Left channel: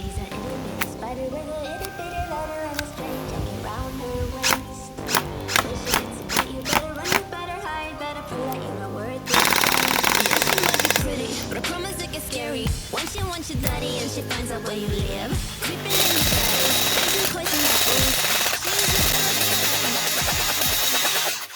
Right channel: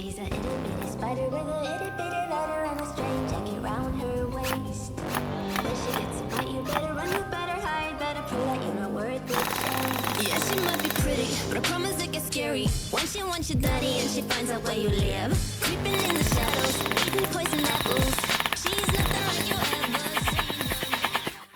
She's a itty bitty spider with a itty bitty letter and a string jacket round her waist. When she gets a bite, you better run, you better hide, better pull that you're not worth it. Yeah, she might be pretty, but I promise it gets scary. Once you daddy and she finds out where you live, creeping in the shadows, eating poison apples.